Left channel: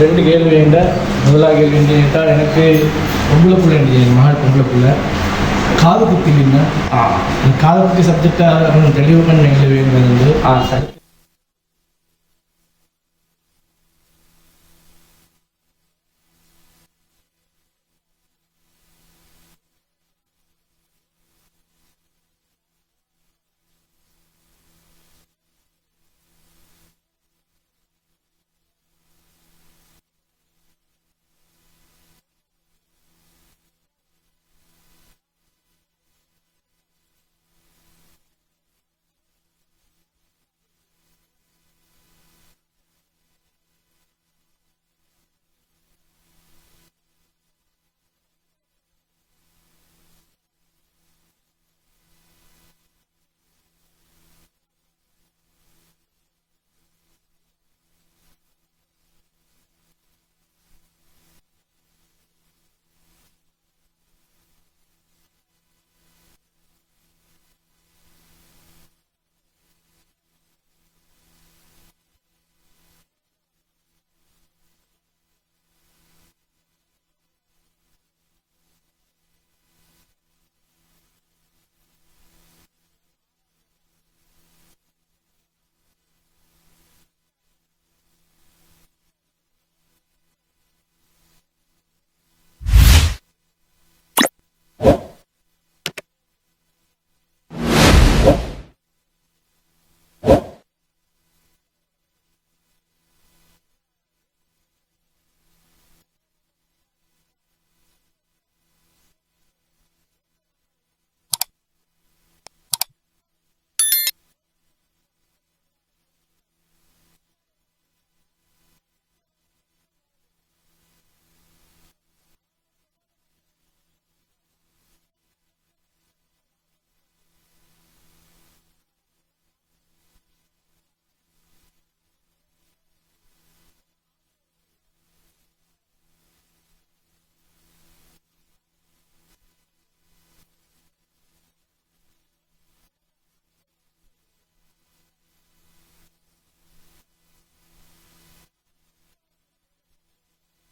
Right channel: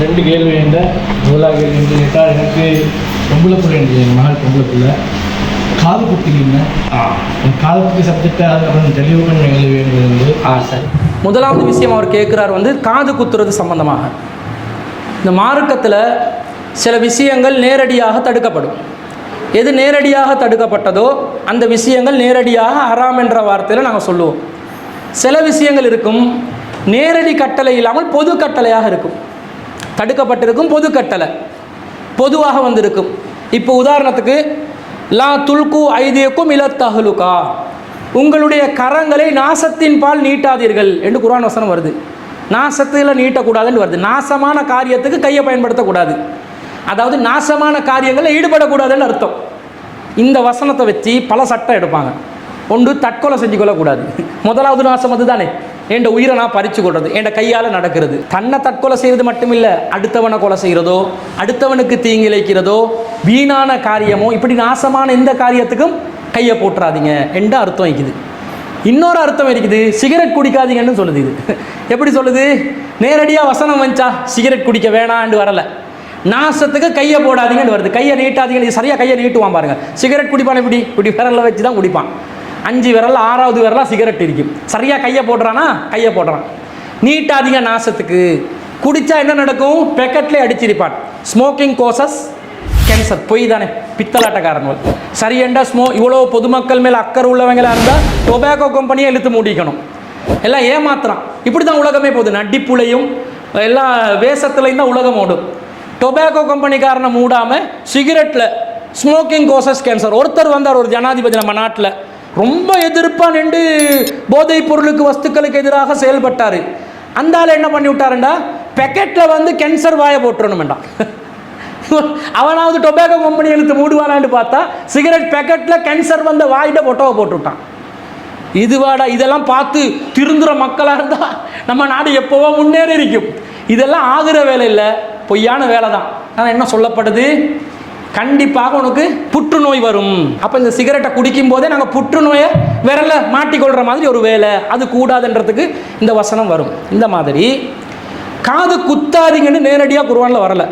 ரெண்டு கேள்வி என்ற முதலாக கேள்வி கேட்டால் எனக்கு பொம்பளை பிள்ளை மகள் பொம்பளை பிள்ளை காது குத்தி இல்லைங்க காது குத்தி சப்ஜெக்டை கொஞ்சம் தெளிவு பண்ணி கேள்வி வேணும். சரி, முதலாவது விஷயம் அவர் கேட்குறார் காது குத்துறது சம்பந்தமாக. இந்த மார்க்கத்தில் சில விஷயங்கள் நேரடியாக தடுக்கப்படும். எது நேரடியாக தடுக்கப்பட்டதோ அந்த விஷயங்கள் நேரடியாக ஹராம் என்ற வார்த்தையில் நாங்கள் சொல்லுவோம். சில விஷயங்கள் இருக்கும் நேரடி கட்டளை இல்லாமல் பொது கட்டளையாக இருக்கும். தடுக்கப்பட்டிருக்கும் பொது கட்டளை பொதுவாக வந்திருக்கும். இப்போ உதாரணத்துக்கு லா துல்கு ஐதியக்கும் இலத்தஹலுகா, உங்களுடைய கரங்களை நாசத்தின் பால் நீட்டாதீர்கள் என்று குர்ஆன் வசனம் வருது. நாசத்தில் நீட்டக்கூடாதுன்னு வருது. நாசமான காரியத்துக்கு கையை பயன்படுத்தக்கூடாது, அதாவது நாசமான காரியங்களில் ஈடுபடக்கூடாதுன்னு அர்த்தம். இந்த வசனத்தை வச்சு பல சட்டம் எடுப்பாங்க. ஒன்று தற்கொலை செஞ்சு கொள்ளக்கூடாது. முதலாவது நாசம் அது தானே, என் உயிரை நான் பறித்து கொள்வது, என் கையால் நடக்கிறது. தன்னை தற்கொலை செய்வது மட்டுமில்லை, அடுத்தவனை கொலை செய்கிறதோ அடுத்தவனுக்கு தீங்கிழைக்கிறதோ வீணான காரியமோ இப்படி நாசமான எந்த காரியத்துக்கும் கையை போட்டுறாதீங்க என்ற அர்த்தம் இருக்குது. இன்னொரு அர்த்தம் இருக்குது, சிகரெட் குடிக்காதீங்கன்னு சொல்லுது. இது எப்படி சொல்லுது? நேரடியாக வசனம் வந்துச்சா சிகரெட் குடிக்க வேணான்னு வரலை, நாசத்துக்கு கையை போடாதீங்கன்னு வருது. கையை நீட்டாதீங்கன்னு சரியாக கையை நீட்டுவான் பாருங்க. சிகரெட் குடிப்பான் இப்படி விரலில் வச்சு தான் குடிப்பான். 5 விரல் 6வது விரலாக சிகரெட் இருக்கும். சரியாக கையை போடுறானா கையை போடுறான். நீட்டாதீங்க நாசத்துக்கு. குடித்தா என்ன நடக்கும்? பெக்கெட்லேயே அடிச்சிருப்பான். Smoking causes cancer. பொய் தானே, பித்தலாட்டக்காரங்கள். சரியண்டா இவ்வளோ பொதுமக்கள் மேலே அக்கறை உள்ளவங்களாக இருந்தால் டொபாக்கோ கம்பெனியை இழுத்து மூடிக்கணும். எல்லாம் ஏமாத்துறான். இப்படி தான் உலகமே போகுது. நடிப்புலையும் எல்லா வேஷத்துலையும் தான் உலகம் ஓடும். டொபாக்கோ கம்பெனிக்காரனை மூடாமல் சிகரெட்டில் ஸ்மோக்கிங் கோசஸ் கேன்சர். ஒருத்தர் வந்தார், ஒரு ஜனாதிபதி நம்ம நாட்டில் ரொம்ப எதிர்ப்பாக நின்று போதைப் பொருளுக்கு வஸ்துக்களுக்கு எதிராக செயல்பட்டார். அந்த ஆள் என்ன பண்ணி விட்டாருண்டா, பெக்கெட்டில் கேன்சர் வாயை போட்டுறணுமெண்டான். அவனாவது டொபாக்கோ கம்பெனி எழுத்து மூடுவானான்னு பார்த்தா சிகரெட் பேக்கெட்டில் கேன்சர் வந்த வாயிட்ட பொட்டோவை போட்டு விட்டான். இதுவாடா, இதெல்லாம் பார்த்து திருந்துற மக்களாக இருந்தால் நம்ம நாடு எப்போவோ முன்னேறி இருக்கும். இதெல்லாம் ஆகிற வேலை இல்லை, பொய்யான வேலை தான். ஆனால் என்ன சொல்லப்படுது? கண்டிப்பாக உனக்கு புற்றுநோய் வரும். அப்போ இந்த சிகரெட்டை குடிக்கும் போதே நாங்கள் புற்றுநோயை விரல மாட்டிக்கொள்கிற மாதிரி ஒரு வேலை, அது கூடாதுன்றதுக்கு இந்த வசனம் வரும். இந்த மாதிரி காது குத்தாதீங்கன்னு நேரடியாக குர்ஆனில் வரலை,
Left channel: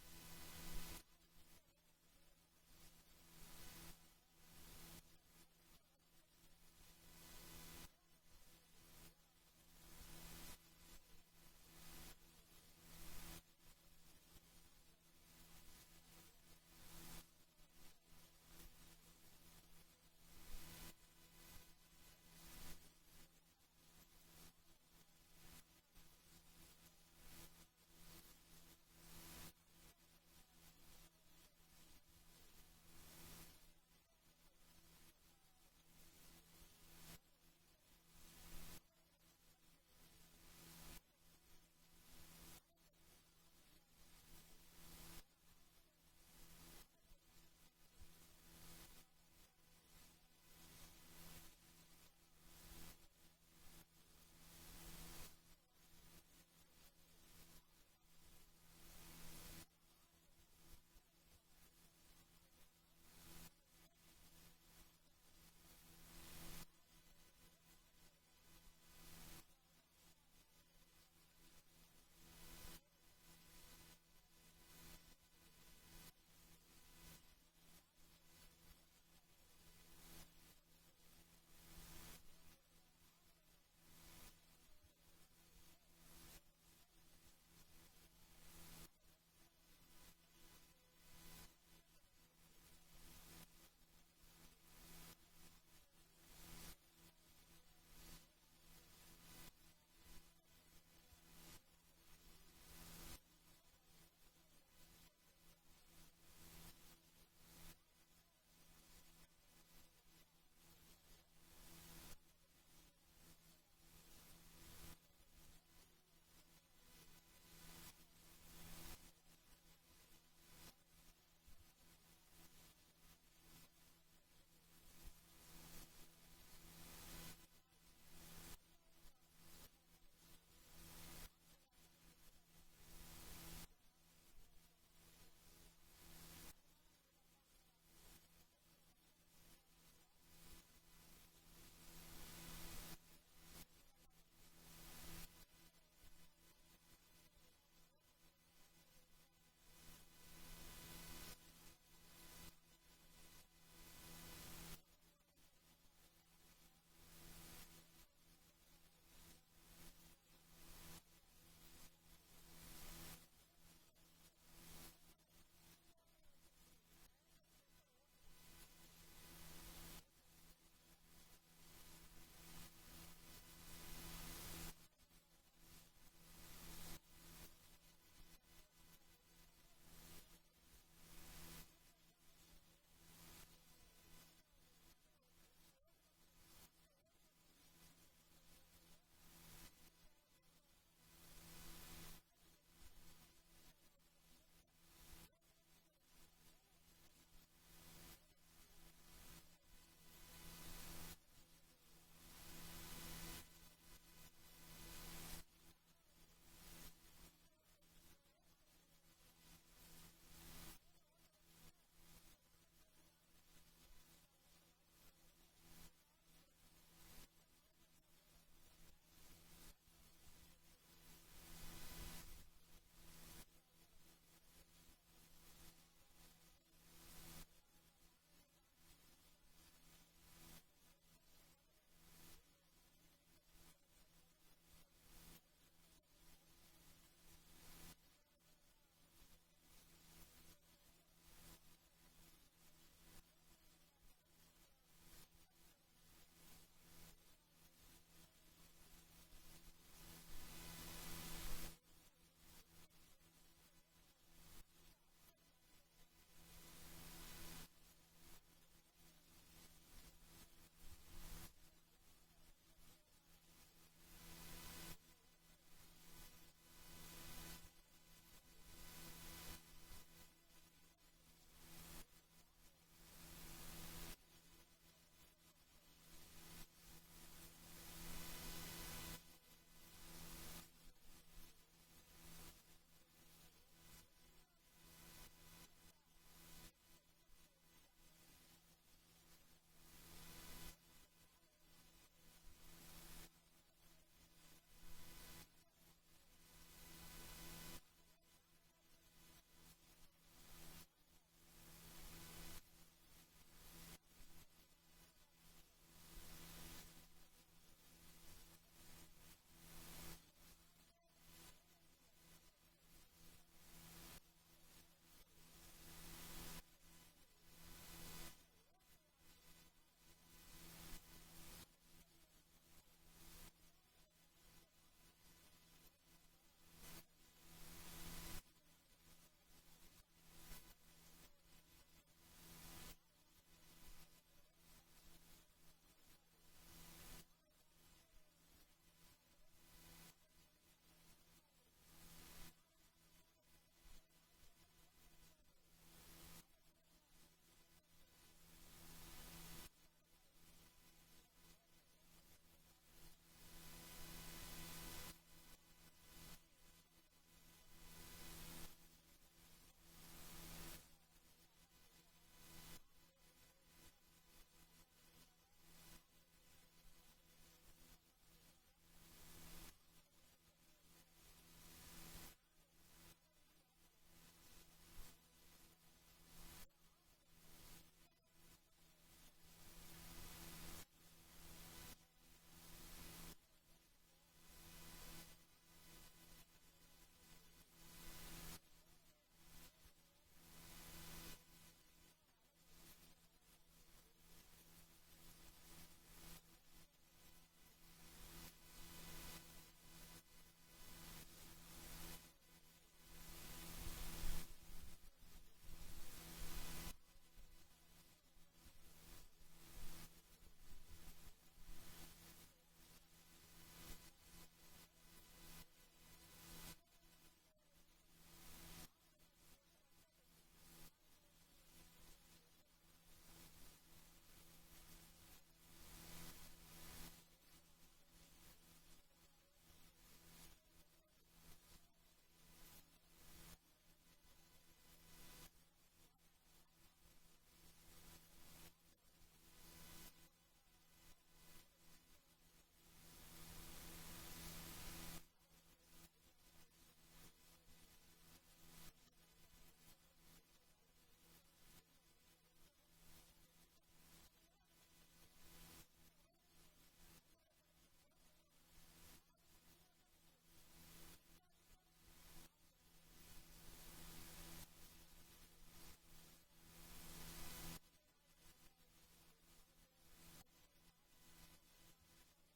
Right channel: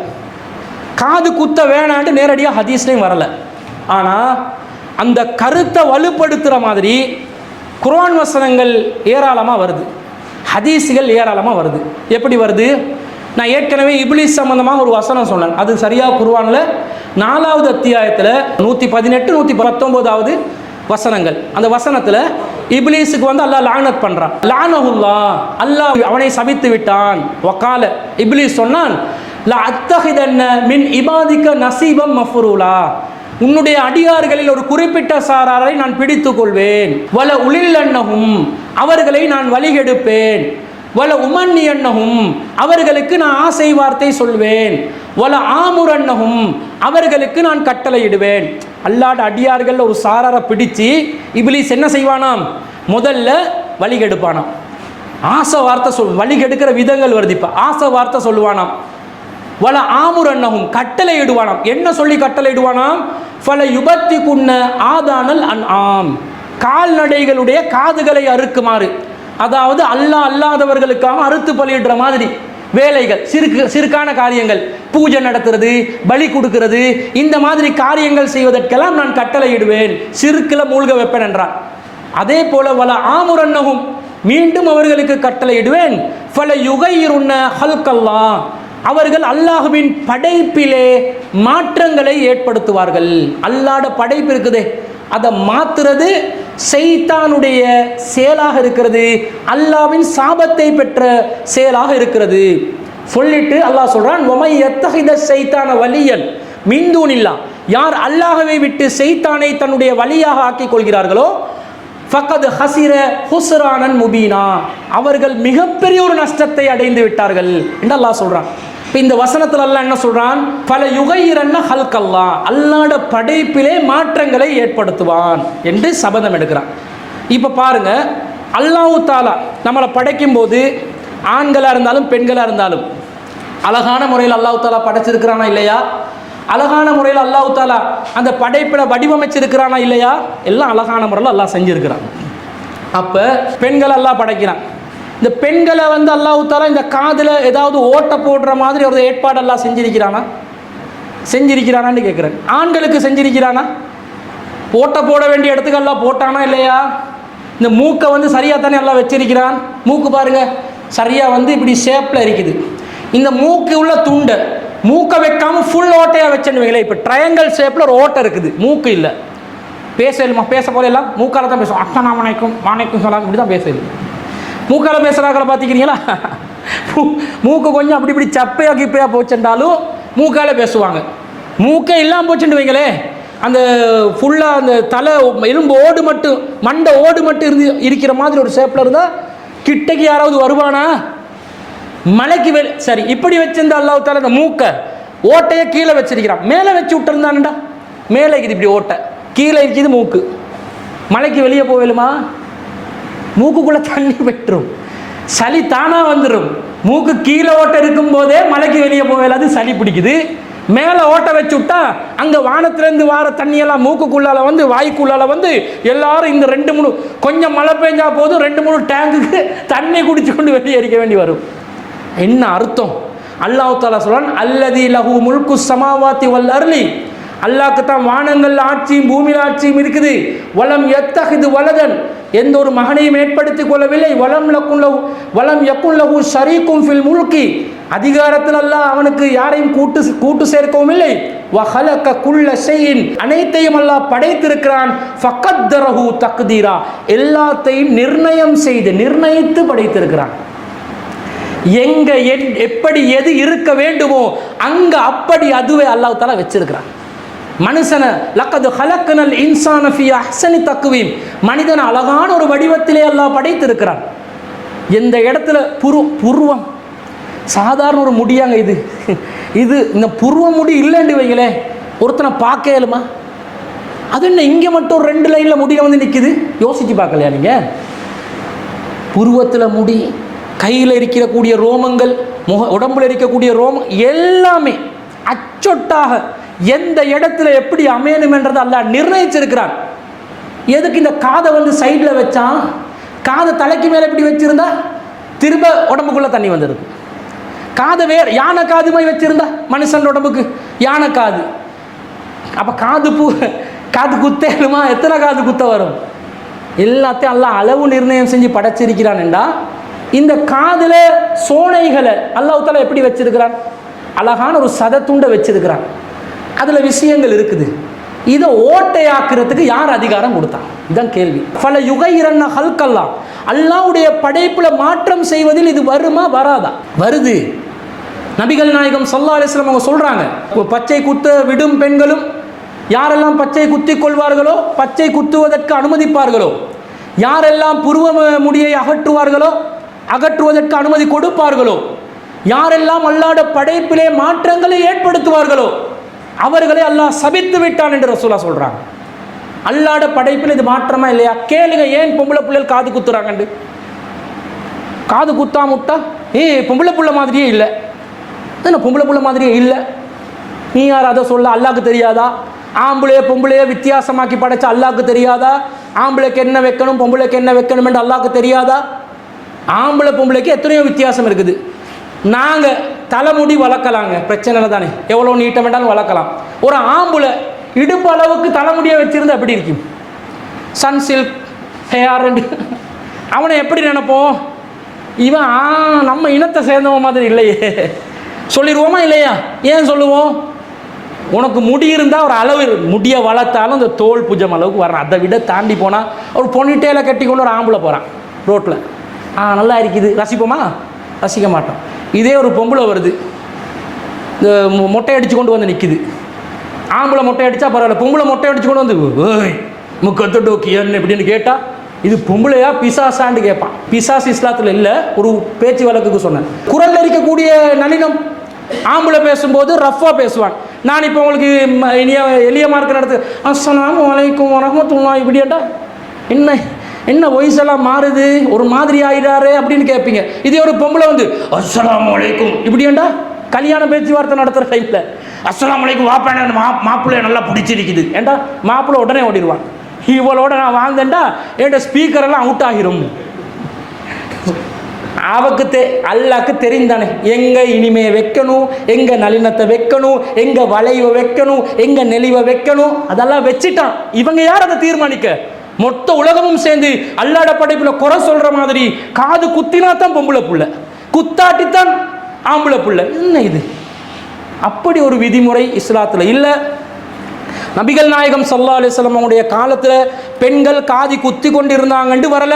காது குத்த வேணான்ட்டு நேரடியாக ஹதீஸ்லையும் வரலை. ஆனால் அந்த கருத்தை வலுப்படுத்துகிற மாதிரி குர்ஆன் வசனங்கள் ஏராளமாக வருது, ஹதீஸுகள் ஏராளமாக வருது. எப்படி வருது? நான் ஏற்கனவே இப்லீஸ் சம்பந்தமாக ஒரு வசனம் சொன்னேன். அது சரியாக குர்ஆனில் 4வது அத்தியாயத்தில் 118 119வது வசனங்கள். அந்த வசனத்தில் இப்லீஸுக்கு அல்லாஹ் லானத் பண்ணுறான். லானஹுல்லாஹ், அல்லாஹ் அவனை சபித்து விட்டான். வகால, இப்லீஸ் சொன்னான், லா அத்தஹிதன்ன மின் இபாதிக்க நசீபம் மஃபுரூலா, உன்னுடைய அடியார்களில் ஒரு குறிப்பிட்ட சாராரை நான் பிடித்து கொள்வேன். வல உலில்லன்னஹும், அவர்களை நான் வழிகெடுப்பேன். வல உமன்னியன்னஹும், அவர்களுக்கு நான் ஆசை வார்த்தை சொல்வேன். வல ஆமுரன்னஹும், அவர்களுக்கு நான் கட்டளையிடுவேன். அல்லாஹ்வுடைய அடியார்கள் ஒரு சாராரை பிடிச்சு இப்லீஸ் என்ன செய்வானாம்? முதல்ல வழிகெடுப்பானாம். ஆசை வார்த்தை வழிகெடுக்கிற விதங்கள் வருது. இப்போ ஆசை வார்த்தை சொல்லுவானாம். வல ஆமுரன்னஹும், கட்டளையிடுவானாம். என்ன சொல்லி கட்டளையிடுவானாம்? ஃபல யுபத்திகுன்ன ஆதானல் அன்ஆம், கால்நடைகளுடைய காதுகளை அறுக்குமாறு, அதாவது அல்லாஹ் அல்லாதவர்களுக்காக அறுத்து பலியிடுற மாதிரி வேலைகள், சிறுக்கான காரியங்கள், பூஜை நடத்துறது, பலி கொடுக்கிறது, இந்த மாதிரி காரியங்கள் செய்வதற்கெல்லாம் நான் கட்டளையிடுவேன், சிறுக்கில் மூழ்க வைப்பேன் என்றான். அதே போல வல ஆமுரன்னஹும், மீண்டும் அவர்களுக்கு கட்டளையிடுவேன். ஃபல யுகையிருன்ன ஹல்கல்லாஹ், அவர்கள் அல்லாஹுவின் படைப்பிலே மாற்றங்களை ஏற்படுத்துவார்கள். அல்லாஹ்ட படைப்பு இருக்குதே, அதை மாத்துறது ஷைத்தானுடைய செயலாக இருக்கிறது, அல்லாஹ்வின் சாபத்தை பெற்ற செயலாக இருக்கிறது சொல்லிட்டு அல்லாஹ் சொல்றான், வமை யத்தஹித ஷைத்தான வலியன் மின் தூனில்லாஹ், யார் அல்லாஹ்வை விட்டு ஷைத்தானை தன்னுடைய வலியாக ஆக்கிக் கொள்கிறார்களோ ஃபக்கத் ஹஸிர ஹுஸ்ரானன் முபீனா, அவர்கள் மிகப்பெரிய ஒரு நஷ்டத்தை அடைந்து விட்டார்கள் என்று அல்லாஹ் சொல்றான். இப்போ இந்த வசனத்தில் அல்லாஹ் என்ன சொல்றான்? பல யுகையிரன்ன ஹல்கல்லாஹ், அல்லாஹ்வுடைய படைப்பிலே மாற்றங்களை ஏற்படுத்துவான் என்று சபதம் எடுக்கிறான். இப்போ பாருங்க, அல்லாஹ் தஆலா நம்மளை படைக்கும் போது ஆண்களாக இருந்தாலும் பெண்களாக இருந்தாலும் அழகான முறையில் அல்லாஹ் தஆலா படைச்சிருக்கிறானா இல்லையா? அழகான முறையில் அல்லாஹ் தஆலா அந்த படைப்பில் வடிவமைச்சிருக்கிறானா இல்லையா? எல்லாம் அழகான முறையில் அல்லாஹ் செஞ்சிருக்கிறான். அப்போ பெண்கள் அல்லாஹ் படைக்கிறான். இந்த பெண்களை வந்து அல்லாஹ் தஆலா இந்த காதில் ஏதாவது ஓட்ட போடுற மாதிரி ஒரு ஏற்பாடு எல்லாம் செஞ்சிருக்கிறானான்னு கேட்குறேன். ஆண்களுக்கு செஞ்சிருக்கிறானா? ஓட்ட போட வேண்டிய இடத்துக்கு எல்லாம் போட்டானா இல்லையா? இந்த மூக்கை வந்து சரியாக தானே எல்லாம் வச்சிருக்கிறான். மூக்கு பாருங்க சரியாக வந்து இப்படி ஷேப்பில் இருக்குது. இந்த மூக்கு உள்ள துண்டை மூக்கை வைக்காமல் ஃபுல் ஓட்டையாக வச்சுன்னு வைங்களேன். இப்போ ட்ரையாங்கல் ஷேப்பில் ஒரு ஓட்டை இருக்குது, மூக்கு இல்லை. பேச போல எல்லாம் மூக்கால தான் பேசுவோம். அஸ்ஸலாமு அலைக்கும் வலைக்கும் சலாம் இப்படி தான் பேசல. மூக்கால பேசுகிறாக்களை பார்த்துக்கிறீங்களா? மூக்கு கொஞ்சம் அப்படி இப்படி சப்பையாக கிப்பையாக போச்சுட்டாலும் மூக்கால பேசுவாங்க. மூக்கே இல்லாமல் போச்சுட்டு வைங்களே, அந்த ஃபுல்லாக அந்த தலை எலும்பு ஓடு மட்டும் மண்டை ஓடு மட்டும் இருக்கிற மாதிரி ஒரு ஷேப்பில் இருந்தால் கிட்டக்கு யாராவது வருவானா? மலைக்கு சரி இப்படி வச்சிருந்த அல்லாஹ் தஆலா அந்த மூக்கை ஓட்டையை கீழே வச்சிருக்கிறான். மேலே வச்சு விட்டுருந்தான்டா, மேலே இருக்குது இப்படி ஓட்டை, கீழே இருக்குது மூக்கு. மலைக்கு வெளியே போவேலுமா? மூக்குக்குள்ளே தண்ணி பெற்றும் சளி தானாக வந்துடும். மூக்கு கீழே ஓட்டை இருக்கும் போதே மலைக்கு வெளியே போவேலாது, சளி பிடிக்குது. மேலே ஓட்டை வச்சு விட்டா அங்கே வானத்திலேருந்து வார தண்ணியெல்லாம் மூக்குக்குள்ளால் வந்து வாய்க்குள்ளால் வந்து எல்லாரும் இந்த 2-3 கொஞ்சம் மழை பெஞ்சா போதும் 2-3 டேங்குக்கு தண்ணி குடிச்சு கொண்டு வெளியே அடிக்க வேண்டி வரும். என்ன அர்த்தம்? அல்லாஹ் தஆலா சொல்றான், அல்லதி லஹு முல்கு ஸமாவாத்தி வல் அர்லி, அல்லாஹ்க்கு தான் வானங்கள் ஆட்சியும் பூமியில் ஆட்சியும் இருக்குது. வலம் யத்தஹிது வலதன், எந்த ஒரு மகனையும் ஏற்படுத்திக் கொள்ளவில்லை. வலம் யக்குன் லஹு ஷரீக்கும் ஃபில் முல்கி, அதிகாரத்தில் அல்லாஹ் அவனுக்கு யாரையும் கூட்டு சேர்க்கவும் இல்லை. வஹலக குல்ல ஷைஇன், அனைத்தையும் அல்லாஹ் படைத்திருக்கிறான். ஃபகத்தரஹு தக்தீரா, எல்லாத்தையும் நிர்ணயித்து படைத்திருக்கிறான். எங்க எப்படி எது இருக்க வேண்டுமோ அங்க அப்படி அதுவே அல்லாஹ் தஆலா வச்சிருக்கிறான். மனுஷனை லக்கது ஹலக்கனல் இன்சான ஃபீ அஹ்ஸனி தக்வீம், மனிதன் அழகான ஒரு வடிவத்திலே அல்லாஹ் படைத்திருக்கிறான். எந்த இடத்துல புருவம் சாதாரண ஒரு முடியாங்க, இது இந்த புருவ முடி இல்லைன்னு வைங்களே, ஒருத்தனை பார்க்க இயலுமா? அது என்ன இங்கே மட்டும் 2 லைனில் முடிய வந்து நிற்குது? யோசிச்சு பார்க்கலையா நீங்கள்? புருவத்தில் முடி, கையில் இருக்கக்கூடிய ரோமங்கள், உடம்புல இருக்கக்கூடிய ரோமம் எல்லாமே அச்சொட்டாக எந்த இடத்துல எப்படி அமையணும் என்றதை அல்லாஹ் நிர்ணயிச்சிருக்கிறான். எதுக்கு இந்த காதை வந்து சைடில் வச்சான்? காதை தலைக்கு மேலே எப்படி வச்சிருந்தா திரும்ப உடம்புக்குள்ளே தண்ணி வந்துடுது. காதை வேறு யானை காது மாதிரி வச்சிருந்தா மனுஷன் உடம்புக்கு யானை காது. அப்போ காது குத்தேலுமா? எத்தனை காது குத்த வரும்? எல்லாத்தையும் அல்லாஹ் அளவு நிர்ணயம் செஞ்சு படைச்சிருக்கிறான்டா. இந்த காதில் சோனைகளை அல்லாஹ் தஆலா எப்படி வச்சிருக்கிறான்? அழகான ஒரு சதத்துண்டை வச்சிருக்கிறான். அதில் விஷயங்கள் இருக்குது. இதை ஓட்டையாக்குறதுக்கு யார் அதிகாரம் கொடுத்தான்? இதுதான் கேள்வி. பல யுகைரன்ன ஹல்கல்லா, அல்லாஹ்வுடைய படைப்பில் மாற்றம் செய்வதில் இது வருமா வராதா? வருது. நபிகள் நாயகம் ஸல்லல்லாஹு அலைஹி வஸல்லம் அவங்க சொல்கிறாங்க, பச்சை குத்த விடும் பெண்களும் யாரெல்லாம் பச்சை குத்தி கொள்வார்களோ, பச்சை குத்துவதற்கு அனுமதிப்பார்களோ, யாரெல்லாம் புருவ முடியை அகற்றுவதற்கு அனுமதி கொடுப்பார்களோ, யாரெல்லாம் அல்லாஹ்வுடைய படைப்பிலே மாற்றங்களை ஏற்படுத்துவார்களோ அவர்களை அல்லாஹ் சபித்து விட்டான் என்று ரசூலுல்லாஹ் சொல்றாங்க. அல்லாஹ்வுடைய படைப்பில் இது மாற்றமா இல்லையா? கேளுங்க, ஏன் பொம்பளை பிள்ளைகள் காது குத்துறாங்கண்டு? காது குத்தா முட்டா பொம்பளை பிள்ளை மாதிரியே இல்லை. என்ன பொம்பளை பிள்ளை மாதிரியே இல்லை? நீ யார் அதை சொல்ல? அல்லாஹ்க்கு தெரியாதா? ஆம்பளைய பொம்பளைய வித்தியாசமாக்கி படைச்ச அல்லாஹ்க்கு தெரியாதா? ஆம்பளைக்கு என்ன வைக்கணும் பொம்பளைக்கு என்ன வைக்கணும் என்று அல்லாஹ்க்கு தெரியாதா? ஆம்பளை பொம்பளைக்கு எத்தனையோ வித்தியாசம் இருக்குது. நாங்கள் தலைமுடி வளர்க்கலாங்க, பிரச்சனை இல்லை தானே, எவ்வளோ நீட்டம் வேண்டாலும் வளர்க்கலாம். ஒரு ஆம்பளை இடுப்பு அளவுக்கு தலைமுடியை வச்சுருந்தா எப்படி இருக்கும்? சன் சில்க் ஹேர் அவனை எப்படி நினைப்போம்? இவன் நம்ம இனத்தை சேர்ந்தவன் மாதிரி இல்லையே சொல்லிடுவோமா இல்லையா? ஏன் சொல்லுவோம்? உனக்கு முடி இருந்தால் ஒரு அளவு முடியை வளர்த்தாலும் இந்த தோல் புஜம் அளவுக்கு வர்றான். அதை விட தாண்டி போனால் ஒரு பொன்னிட்டேல கட்டி கொண்டு ஒரு ஆம்பளை போகிறான் ரோட்டில், நல்லா இருக்குது, ரசிப்போமா? ரசிக்க மாட்டோம். இதே ஒரு பொம்பளை வருது, இந்த மொட்டை அடித்து கொண்டு வந்து நிற்குது. ஆம்பளை மொட்டை அடித்தா பரவாயில்ல, பொம்பளை மொட்டை அடித்து கொண்டு வந்து ஓய் முக்கத்து டோக்கியன் இப்படின்னு கேட்டால் இது பொம்பளையா பிசாசான்னு கேட்பான். பிசாஸ் இஸ்லாத்தில் இல்லை, ஒரு பேச்சு வழக்குக்கு சொன்னேன். குரல் இருக்கக்கூடிய நளினம், ஆம்பளை பேசும்போது ரஃப்பாக பேசுவான். நான் இப்போ உங்களுக்கு எளிய மார்க்க நடத்து அஸ்ஸலாமு அலைக்கும் வரஹ்மத்துல்லாஹி இப்படியாட்டா என்ன வயசெல்லாம் மாறுது, ஒரு மாதிரி ஆயிடாரு அப்படின்னு கேட்பீங்க. இதே ஒரு பொம்பளை வந்து அஸ்ஸலாமு அலைக்கும் இப்படியாண்டா கல்யாண பேச்சுவார்த்தை நடத்துகிற டைமில் அஸ்ஸலாமு அலைக்கும் வாப்பான மாப்பிள்ளைய நல்லா பிடிச்சிருக்குது ஏண்டா மாப்பிள்ளை உடனே ஓடிடுவான். இவளோட நான் வாழ்ந்தேன்டா என்கிட்ட ஸ்பீக்கரெல்லாம் அவுட் ஆகிரும். அவக்கு அல்லாக்கு தெரிந்தானே எங்க இனிமையை வைக்கணும், எங்க நளினத்தை வைக்கணும், எங்க வளைவை வைக்கணும், எங்க நெளிவை வைக்கணும், அதெல்லாம் வச்சுட்டான். இவங்க யார் அதை தீர்மானிக்க? மொத்த உலகமும் சேர்ந்து அல்லாட படைப்புல குறை சொல்ற மாதிரி காது குத்தினா தான் பொம்பளை புள்ள, குத்தாட்டித்தான் ஆம்பளை புள்ள. என்ன இது? அப்படி ஒரு விதிமுறை இஸ்லாத்துல இல்ல. நபிகள் நாயகம் ஸல்லல்லாஹு அலைஹி வஸல்லம் அவங்களுடைய காலத்துல பெண்கள் காதி குத்தி கொண்டு இருந்தாங்கன்னு வரல,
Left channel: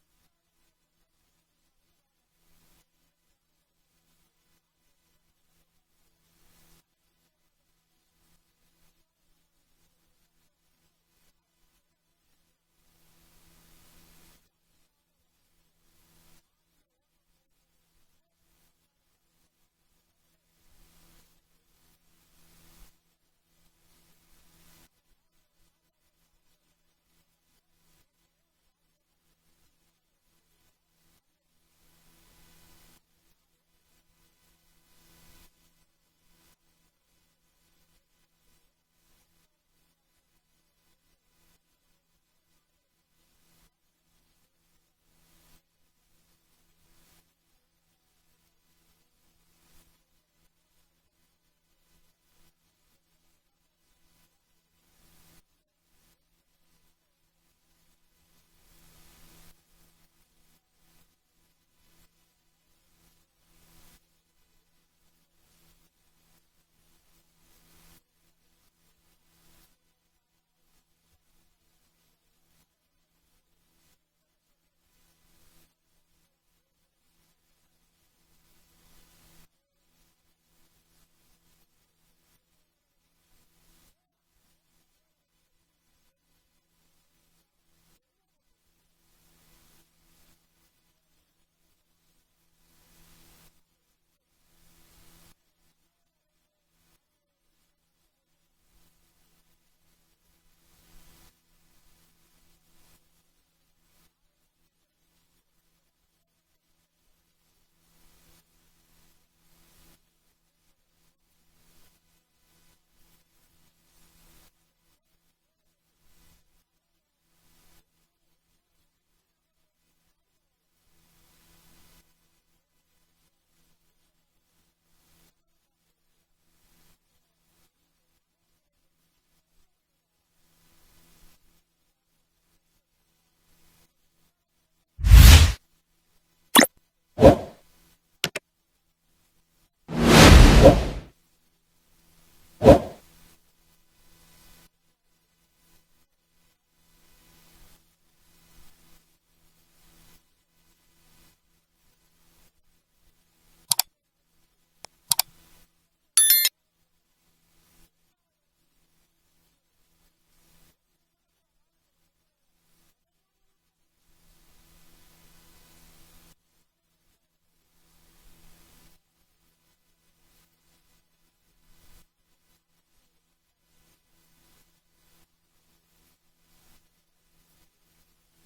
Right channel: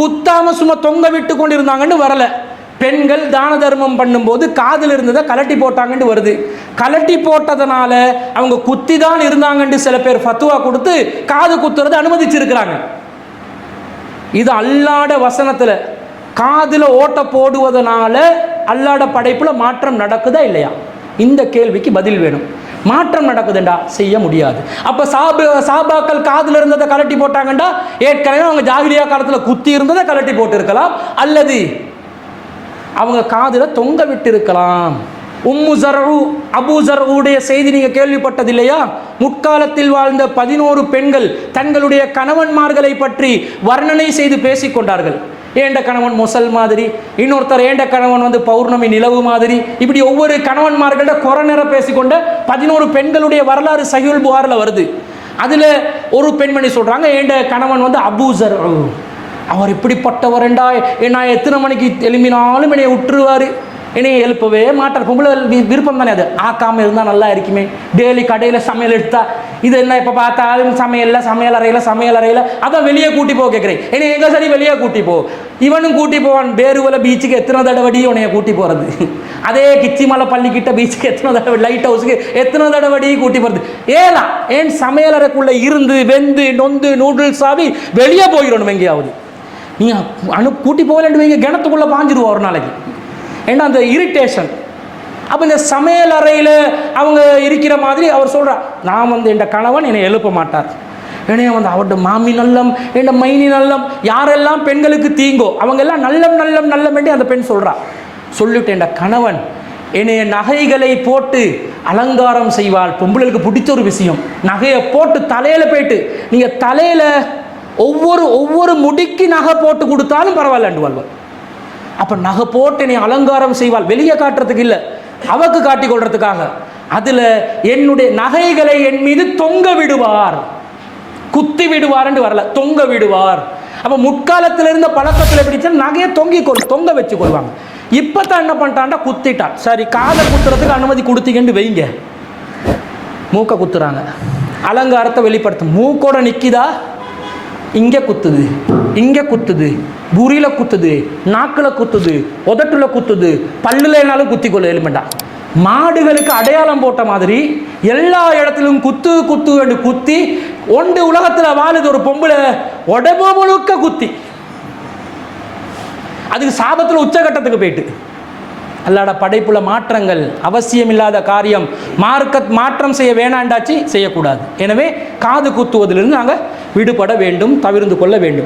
குத்தாம சும்மா தொங்க விட்டு கொண்டு இருந்தாங்கன்னு வரல. பெண்கள் தான தர்மம் பண்ணும்போது காதில் இருந்ததை கலட்டி போட்டாங்கன்னு வருது. கலட்டி போட்டதனால அவங்க குத்தி தான் இருந்தாங்கன்னு சில பேர் ஃபத்வா கொடுத்து காது குத்துறதை அனுமதிச்சிருக்கிறாங்க. இது அல்லாட வசனத்துல காதில் ஓட்ட போடுவதனால அல்லாட படைப்புல மாற்றம் நடக்குதா இல்லையா? இந்த கேள்விக்கு பதில் வேணும். மாற்றம் நடக்குதுண்டா செய்ய முடியாது. அப்ப சாபாக்கள் காதில் இருந்ததை கலட்டி போட்டாங்கண்டா ஏற்கனவே அவங்க ஜாகிலியா காலத்தில் குத்தி இருந்ததை கலட்டி போட்டு இருக்கலாம், அல்லது அவங்க காதில் தொங்க விட்டு இருக்கலாம். உம்மு ஜர்உ அபூ ஜர்உடைய செய்தி நீங்க கேள்விப்பட்டது இல்லையா? முற்காலத்தில் வாழ்ந்த 11 பெண்கள் தங்களுடைய கணவன்மார்களை பற்றி வர்ணனை செய்து பேசிக்கொண்டார்கள். ஏண்ட கணவன் மொசல் மாதிரி, இன்னொருத்தர் ஏண்ட கணவன் வந்து பௌர்ணமி நிலவு மாதிரி, இப்படி ஒவ்வொரு கணவன்மார்கள்ட குறை நிற பேசிக்கொண்ட 11 பெண்களுடைய வரலாறு சஹீஹுல் புகாரில் வருது. அதுல ஒரு பெண்மணி சொல்றாங்க, ஏண்ட கணவன் வந்து அபூ ஜர்உ, அவர் இப்படிப்பட்டவரண்டா, நான் எத்தனை மணிக்கு எழுப்பினாலும் என்னை விட்டுருவாரு, என்னைய எழுப்பவே மாட்டார். பொம்பளை விருப்பம் தானே அது, ஆக்காமல் இருந்தால் நல்லா இருக்குமே. டெய்லி கடையில் சமையல் எடுத்தா இது என்ன இப்போ பார்த்தாலும் சமையல் அறையில் அதான் வெளியே கூட்டி போக கேட்குறேன். என்னை எங்கே சரி வெளியே கூட்டி போ. இவனும் கூட்டி போவான். பேருவலை பீச்சுக்கு எத்தனை தடவடி உனைய கூட்டி போகிறது, அதே கிச்சிமலை பள்ளிக்கிட்ட பீச்சுக்கு எத்தனை தடவை, லைட் ஹவுஸுக்கு எத்தனை தடவடி கூட்டி போகிறது. ஏன் சமையல் அறைக்குள்ளே இருந்து வெந்து நொந்து நூடுல்ஸ் ஆகி வெளியே போயிடணும். எங்கேயாவது நீங்கள் கூட்டி போகலன்னு வைங்க, கிணத்துக்குள்ளே பாஞ்சிடுவோம் ஒரு நாளைக்கு. ஏன்னா அந்த இரிட்டேஷன். அப்போ இந்த சமையல் அறையில் அவங்க இருக்கிற மாதிரி அவர் சொல்கிறார், நான் வந்து என் கணவன் என்னை எழுப்ப மாட்டார், என்னைய வந்து அவர்கிட்ட மாமி நல்லம், என் மைனி நல்லம், யாரெல்லாம் பெண்களுக்கு தீங்கோ அவங்கெல்லாம் நல்லம் வேண்டி அந்த பெண் சொல்கிறா. சொல்லிவிட்டு என் கணவன் என்னைய நகைகளை போட்டு அலங்காரம் செய்வாள். பொம்பளுக்கு பிடிச்ச ஒரு விஷயம், நகையை போட்டு தலையில் போயிட்டு நீங்கள் தலையில் ஒவ்வொரு முடிக்கு நகை போட்டு கொடுத்தாலும் பரவாயில்லண்டு வாழ்வாள். அப்போ நகை போட்டு என்னை அலங்காரம் செய்வாள், வெளியே காட்டுறதுக்கு இல்லை, அவக்கு காட்டிக் கொள்றதுக்காக. அதில் என்னுடைய நகைகளை என் மீது தொங்க விடுவார், குத்தி விடுவார் என்று வரல, தொங்க விடுவார். அப்போ முற்காலத்தில் இருந்த பழக்கத்தில் பிடிச்சா நகையை தொங்க வச்சு கொள்வாங்க. இப்போ தான் என்ன பண்ணிட்டான்டா, குத்திட்டான். சரி, காதை குத்துறதுக்கு அனுமதி கொடுத்தீங்கன்னு வைங்க, மூக்கை குத்துறாங்க, அலங்காரத்தை வெளிப்படுத்தும். மூக்கோட நிற்கிதா, இங்கே குத்துது, இங்கே குத்துது, புரியில் குத்துது, நாக்கில் குத்துது, உதட்டுல குத்துது, பல்லுலனாலும் குத்திக்கொள்ள எலுமெண்டா. மாடுகளுக்கு அடையாளம் போட்ட மாதிரி எல்லா இடத்திலும் குத்து என்று குத்தி ஒன்று உலகத்தில் வாழுது ஒரு பொம்பளை உடம்பு முழுக்க குத்தி. அதுக்கு சாபத்தில் உச்சகட்டத்துக்கு போயிட்டு. அல்லாட படைப்புல மாற்றங்கள் அவசியம் இல்லாத காரியம், மாற்றம் செய்ய வேணாண்டாச்சு செய்யக்கூடாது. எனவே காது குத்துவதிலிருந்து நாங்கள் விடுபட வேண்டும், தவிர்த்து கொள்ள வேண்டும்.